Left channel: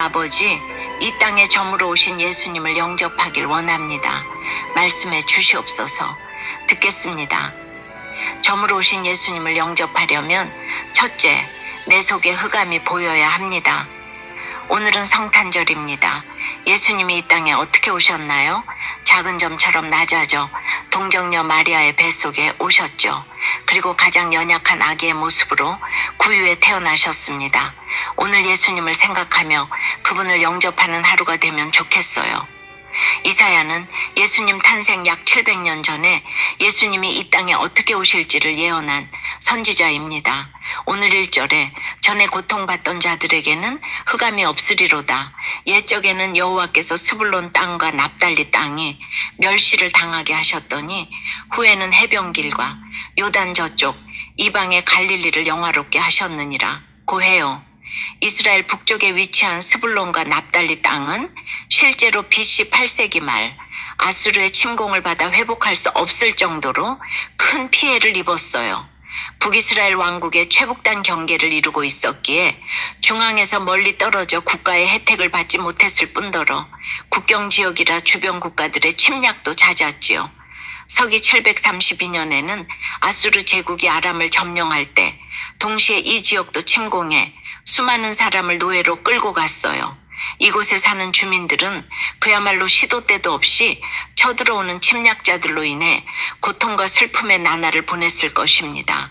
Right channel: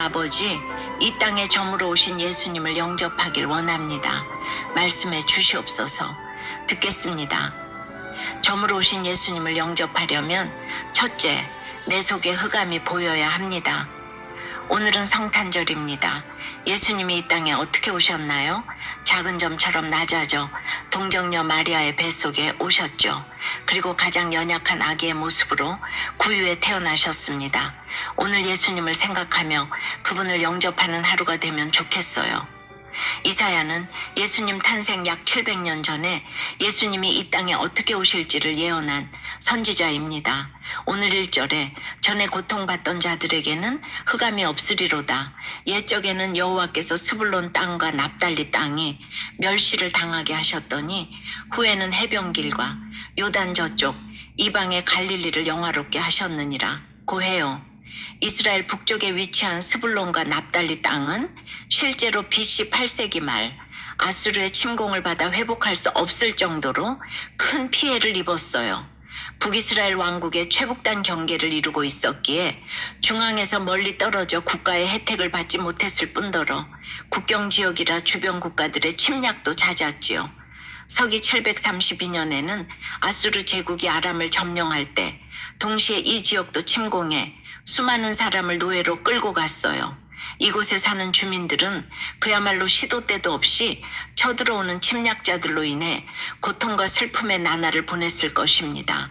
아버지, 이 땅에 점으로 오신 예수님을 영접하길 원합니다. 말씀해 주시옵소서. 듣겠습니다. 점으로 오신 예수님을 영접하려면 첫째, 내 속에 흑암이 보여야 합니다. 오늘은 성탄절입니다. 예수님이 이 땅에 어떻게 오셨나요? 작은 점처럼 낮아져 동정녀 마리아의 뱃속에 오셨죠. 그리고 가장 연약한 아기의 모습으로 구유에 태어나셨습니다. 오늘 예수님을 생각하며 그분을 영접하는 하루가 되면 좋겠어요. 이사야는 예수님 탄생 약 700년 전에 예수님이 이 땅에 어떻게 오실지를 예언한 선지자입니다. 오늘 1절에 전에 고통받던 자들에게는 흑암이 없으리로다. 옛적에는 여호와께서 스불론 땅과 납달리 땅이 멸시를 당하게 하셨더니 후에는 해변길과 요단 저쪽 이방의 갈릴리를 영화롭게 하셨느니라. 고해요. 이스라엘 북쪽에 위치한 스불론과 납달리 땅은 실제로 BC 8세기 말 아수르의 침공을 받아 회복할 수 없을 정도로 큰 피해를 입었어요. 북이스라엘 왕국의 최북단 경계를 이루고 있었기에 중앙에서 멀리 떨어져 국가의 혜택을 받지 못했을 뿐더러 국경 지역이라 주변 국가들의 침략도 잦았지요. 서기 732년에는 아수르 제국이 아람을 점령할 때 동시에 이 지역도 침공해 수많은 사람을 노예로 끌고 갔어요. 이곳에 사는 주민들은 그야말로 시도 때도 없이 쳐들어오는 침략자들로 인해 고통과 슬픔의 나날을 보냈을 것입니다.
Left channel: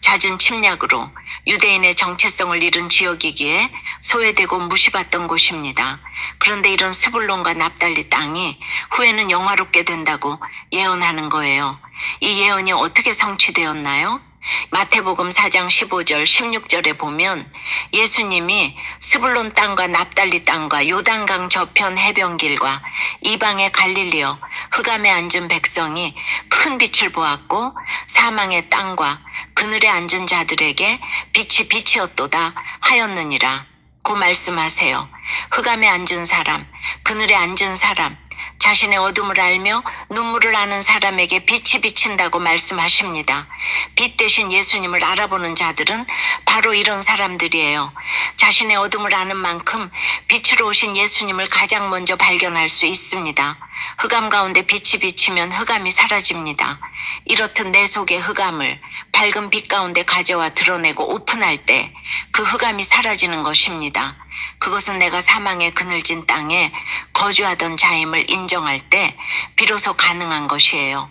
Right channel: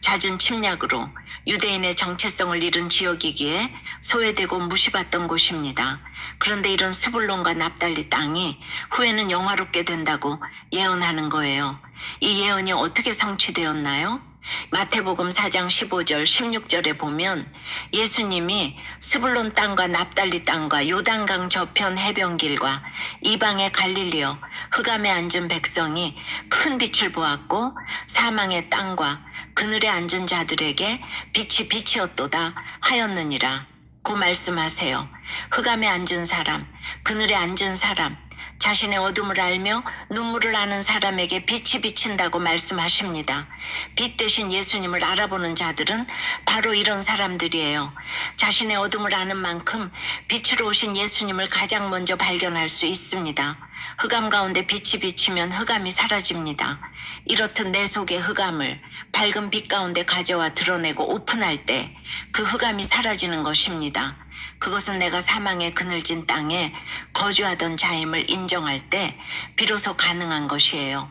잦은 침략으로 유대인의 정체성을 잃은 지역이기에 소외되고 무시받던 곳입니다. 그런데 이런 스불론과 납달리 땅이 후에는 영화롭게 된다고 예언하는 거예요. 이 예언이 어떻게 성취되었나요? 마태복음 4장 15절 16절에 보면 예수님이 스불론 땅과 납달리 땅과 요단강 저편 해변길과 이방의 갈릴리어 흑암에 앉은 백성이 큰 빛을 보았고 사망의 땅과 그늘에 앉은 자들에게 빛이 빛이었도다 하였느니라. 고 말씀하세요. 흑암에 앉은 사람, 그늘에 앉은 사람, 자신의 어둠을 알며 눈물을 아는 사람에게 빛이 비친다고 말씀하십니다. 빛 대신 예수님을 알아보는 자들은 바로 이런 사람들이에요. 자신의 어둠을 아는 만큼 빛으로 오신 예수님을 가장 먼저 발견할 수 있습니다. 흑암 가운데 빛이 비치면 흑암이 사라집니다. 이렇듯 내 속의 흑암을 밝은 빛 가운데 가져와 드러내고 오픈할 때 그 흑암이 사라지는 것입니다. 그것은 내가 사망의 그늘진 땅에 거주하던 자임을 인정할 때 비로소 가능한 것이에요.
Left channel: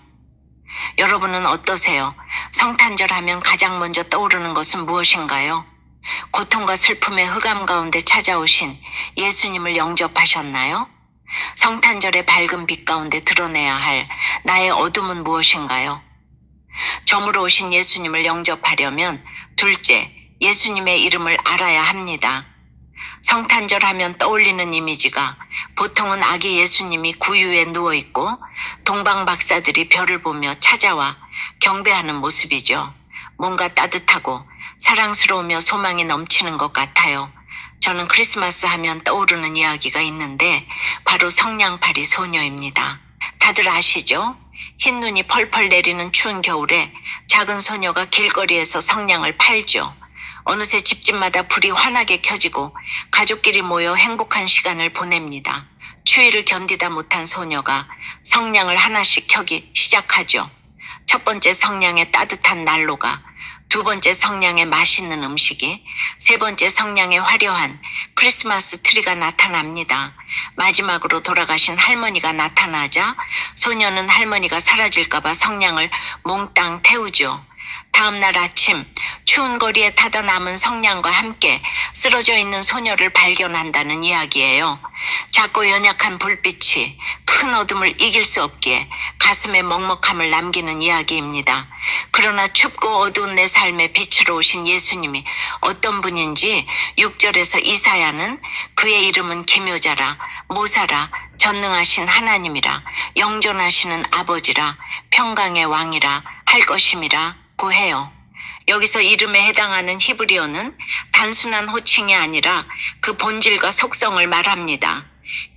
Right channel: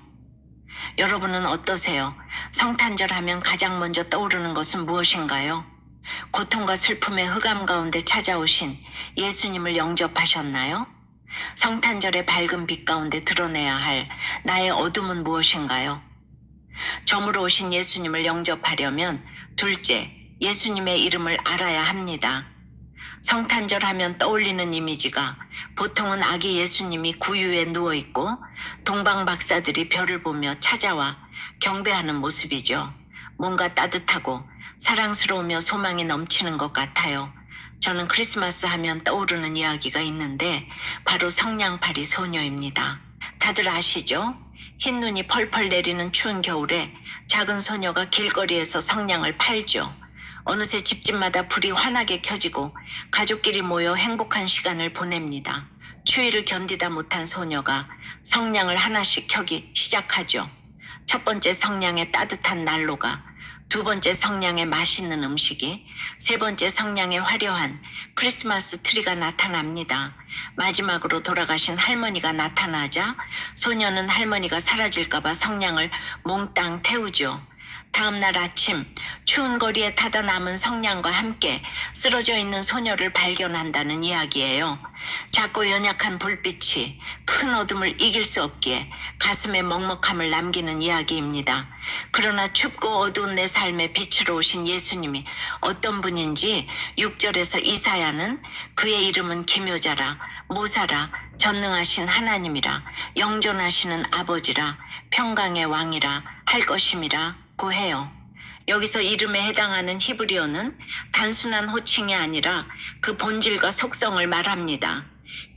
여러분은 어떠세요? 성탄절 하면 가장 먼저 떠오르는 것은 무엇인가요? 고통과 슬픔의 흑암 가운데 찾아오신 예수님을 영접하셨나요? 성탄절의 밝은 빛 가운데 드러내야 할 나의 어둠은 무엇인가요? 점으로 오신 예수님을 영접하려면 둘째, 예수님의 이름을 알아야 합니다. 성탄절 하면 떠올리는 이미지가 보통은 아기 예수님이 구유에 누워있고 동방 박사들이 별을 보며 찾아와 경배하는 모습이죠. 뭔가 따뜻하고 사랑스러우며 소망이 넘치는 것 같아요. 저는 크리스마스 하면 떠오르는 이야기가 있는데 바로 성냥팔이 소녀입니다. 다들 아시죠? 흰 눈이 펄펄 내리는 추운 겨울에 작은 소녀가 길거리에서 성냥을 팔죠. 어느새 집집마다 불이 환하게 켜지고 가족끼리 모여 행복한 시간을 보냅니다. 추위를 견디다 못한 소녀가 성냥을 하나씩 켜기 시작하죠. 첫 번째 성냥에 따뜻한 난로가, 두 번째 성냥에 맛있는 음식이, 세 번째 성냥에 화려한 크리스마스 트리가 나타납니다. 마지막으로 돌아가신 할머니가 나타나자 소녀는 할머니가 사라질까봐 성냥을 몽땅 태우죠. 다음 날 아침 추운 거리에 타다 남은 성냥과 함께 쓰러져 있는 소녀를 발견한다는 이야기예요. 작고 연약한 불빛이 큰 어둠을 이길 수 없기에 가슴에 먹먹함을 남기는 이야기입니다. 그러나 춥고 어두운 내 삶에 빛으로 오신 예수님이 어떤 분인지 6절에서 이사야는 그의 이름은 기묘자라, 모사라, 전능하신 하나님이라, 영존하시는 아버지라, 평강의 왕이라 할 것임이라 고 해요. 여기서 이름에 해당하는 히브리어는 단순한 호칭이 아니라 그 본질과 속성을 말합니다.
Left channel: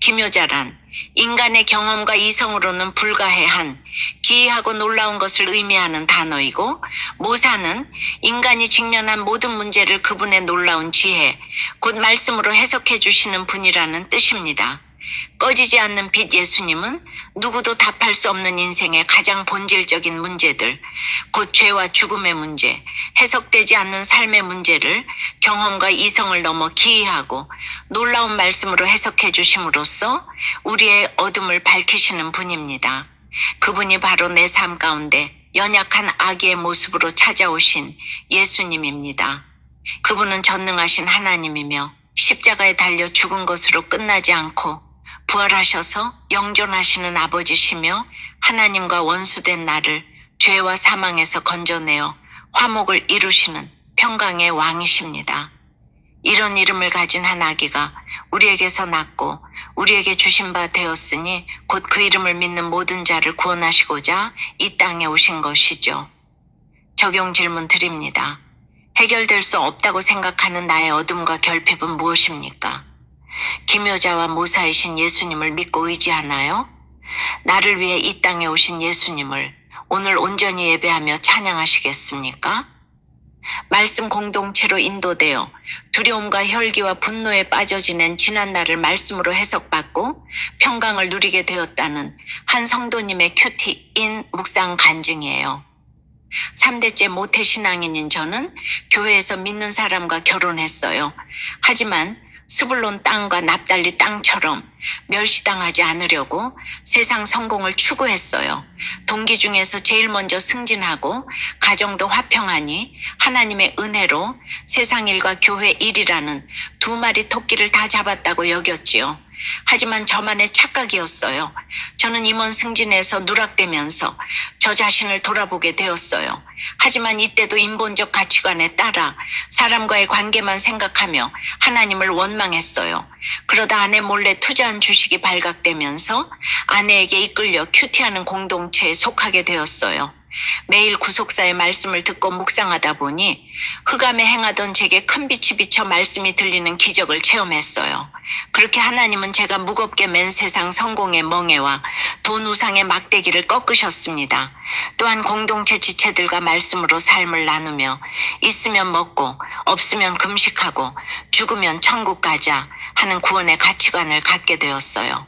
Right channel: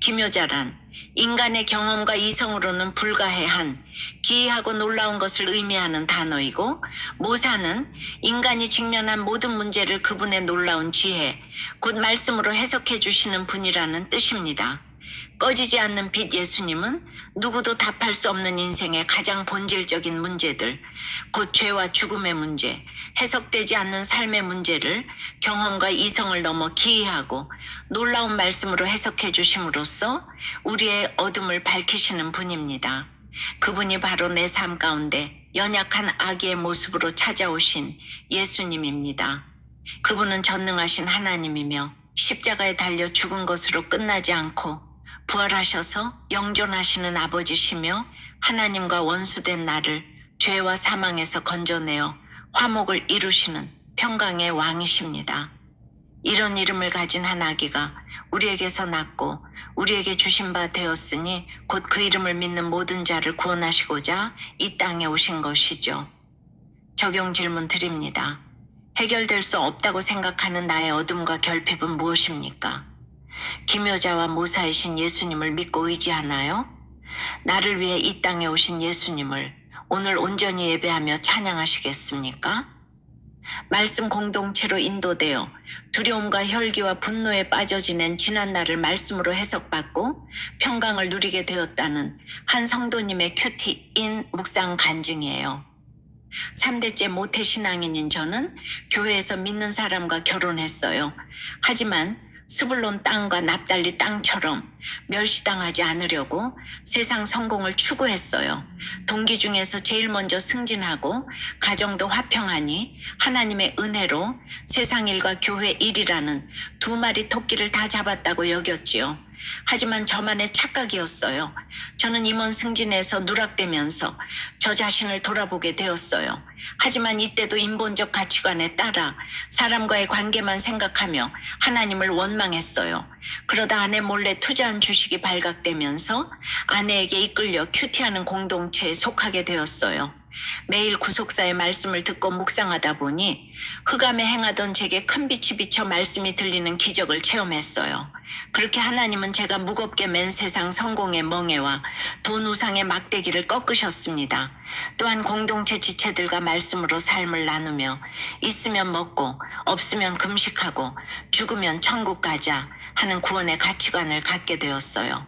기묘자란 인간의 경험과 이성으로는 불가해한 기이하고 놀라운 것을 의미하는 단어이고, 모사는 인간이 직면한 모든 문제를 그분의 놀라운 지혜, 곧 말씀으로 해석해 주시는 분이라는 뜻입니다. 꺼지지 않는 빛 예수님은 누구도 답할 수 없는 인생의 가장 본질적인 문제들, 곧 죄와 죽음의 문제, 해석되지 않는 삶의 문제를 경험과 이성을 넘어 기이하고 놀라운 말씀으로 해석해 주심으로써 우리의 어둠을 밝히시는 분입니다. 그분이 바로 내 삶 가운데 연약한 아기의 모습으로 찾아오신 예수님입니다. 그분은 전능하신 하나님이며 십자가에 달려 죽은 것으로 끝나지 않고 부활하셔서 영존하시는 아버지시며 하나님과 원수된 나를 죄와 사망에서 건져내어 화목을 이루시는 평강의 왕이십니다. 이런 이름을 가진 한 아기가 우리에게서 낳고 우리에게 주신 바 되었으니 곧 그 이름을 믿는 모든 자를 구원하시고자 이 땅에 오신 것이죠. 적용 질문 드립니다. 해결될 수 없다고 생각하는 나의 어둠과 결핍은 무엇입니까? 기묘자와 모사이신 예수님을 믿고 의지하나요? 나를 위해 이 땅에 오신 예수님을 오늘 온전히 예배하며 찬양하시겠습니까? 말씀 공동체로 인도되어 두려움과 혈기와 분노에 빠져 지낸 지난 날을 말씀으로 해석받고 평강을 누리게 되었다는 한 성도님의 큐티인 묵상 간증이에요. 3대째 모태신앙인인 저는 교회에서 믿는 사람과 결혼했어요. 하지만 스불론 땅과 납달리 땅처럼 멸시당하지 않으려고 세상 성공을 추구했어요. 동기 중에서 제일 먼저 승진하고 가정도 화평하니 하나님의 은혜로 세상 일과 교회 일이라는 두 마리 토끼를 다 잡았다고 여겼지요. 하지만 저만의 착각이었어요. 저는 임원 승진에서 누락되면서 저 자신을 돌아보게 되었어요. 하지만 이때도 인본적 가치관에 따라 사람과의 관계만 생각하며 하나님을 원망했어요. 그러다 아내 몰래 투자한 주식이 발각되면서 아내에게 이끌려 큐티하는 공동체에 속하게 되었어요. 매일 구속사의 말씀을 듣고 묵상하다 보니 흑암에 행하던 제게 큰 빛이 비쳐 말씀이 들리는 기적을 체험했어요. 그렇게 하나님은 제가 무겁게 맨 세상 성공의 멍에와 돈 우상의 막대기를 꺾으셨습니다. 또한 공동체 지체들과 말씀으로 삶을 나누며 있으면 먹고 없으면 금식하고 죽으면 천국 가자 하는 구원의 가치관을 갖게 되었어요.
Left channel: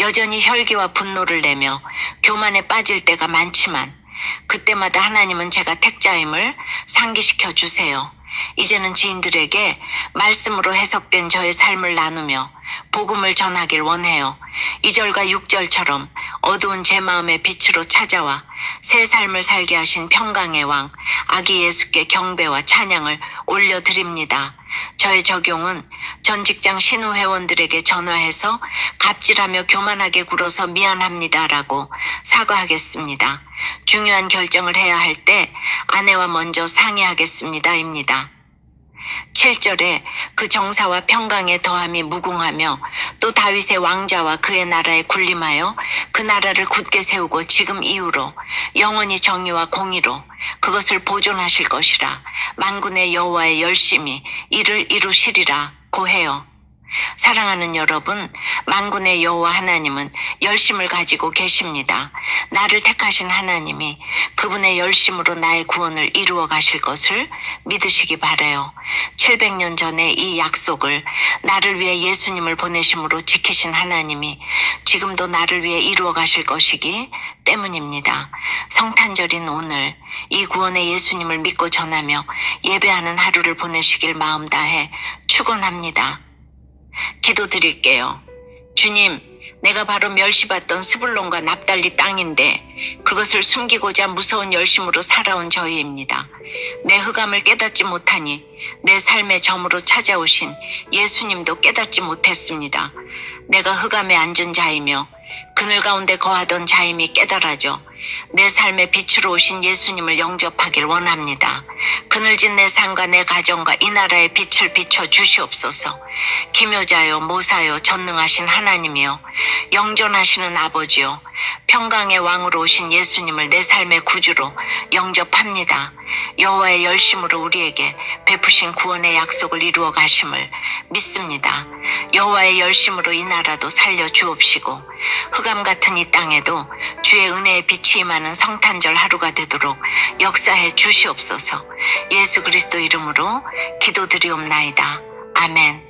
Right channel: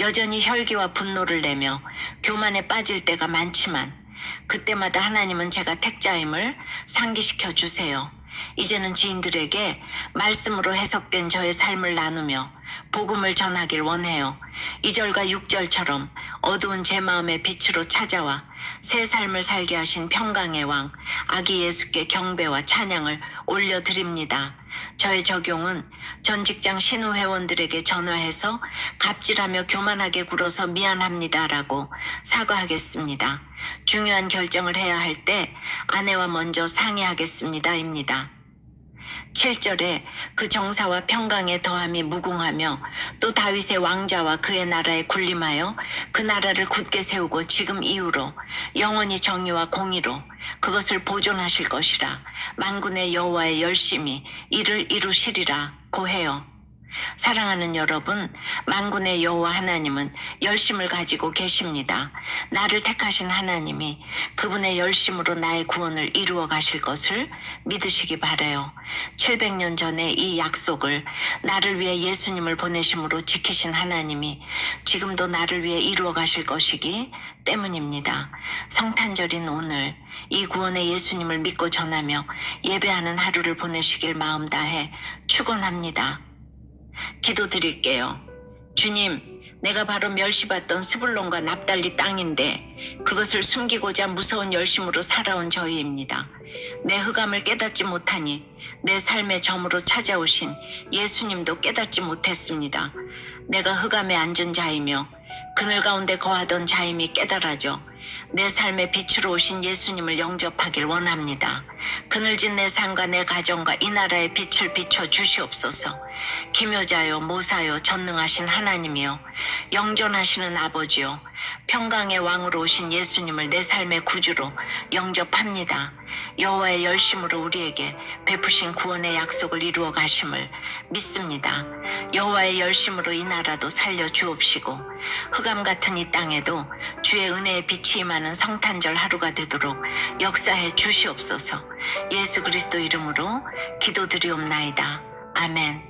여전히 혈기와 분노를 내며 교만에 빠질 때가 많지만 그때마다 하나님은 제가 택자임을 상기시켜 주세요. 이제는 지인들에게 말씀으로 해석된 저의 삶을 나누며 복음을 전하길 원해요. 2절과 6절처럼 어두운 제 마음의 빛으로 찾아와 새 삶을 살게 하신 평강의 왕 아기 예수께 경배와 찬양을 올려드립니다. 저의 적용은 전 직장 신우 회원들에게 전화해서 갑질하며 교만하게 굴어서 미안합니다라고 사과하겠습니다. 중요한 결정을 해야 할 때 아내와 먼저 상의하겠습니다입니다. 7절에 그 정사와 평강의 더함이 무궁하며 또 다윗의 왕자와 그의 나라에 군림하여 그 나라를 굳게 세우고 지금 이후로 영원히 정의와 공의로 그것을 보존하실 것이라 만군의 여호와의 열심히 이를 이루시리라 고해요. 사랑하는 여러분, 만군의 여호와 하나님은 열심을 가지고 계십니다. 나를 택하신 하나님이 그분의 열심으로 나의 구원을 이루어 가실 것을 믿으시기 바라요. 700년 전에 이 약속을 나를 위해 예수님을 보내심으로 지키신 하나님이 지금도 나를 위해 이루어 가실 것이기 때문입니다. 성탄절인 오늘 이 구원의 예수님을 믿고 전하며 예배하는 하루를 보내시길 마음 다해 축원합니다. 기도드릴게요. 주님, 내가 바로 멸시받던 스불론과 납달리 땅인데 그것을 숨기고자 무서운 열심으로 살아온 저희입니다. 내 흑암을 깨닫지 못하니 내 삶의 점으로 찾아오신 예수님도 깨닫지 못했습니다. 내가 흑암에 앉은 자이며 그늘 가운데 거하던 자임이 깨달아져 내 삶의 빛으로 오신 예수님을 영접하길 원합니다. 그늘진 내 삶과 내 가정과 이 나라의 빛을 비춰 주시옵소서. 기묘자요 모사요 전능하신 하나님이요 영존하시는 아버지요 평강의 왕으로 오신 예수님을 내 삶의 구주로 영접합니다. 여호와의 열심으로 우리에게 베푸신 구원의 약속을 이루어 가심을 믿습니다. 여호와의 열심으로 이 나라도 살려 주옵시고 흑암 같은 이 땅에도 주의 은혜의 빛이 임하는 성탄절 하루가 되도록 역사해 주시옵소서. 예수 그리스도 이름으로 기도드리옵나이다. 아멘.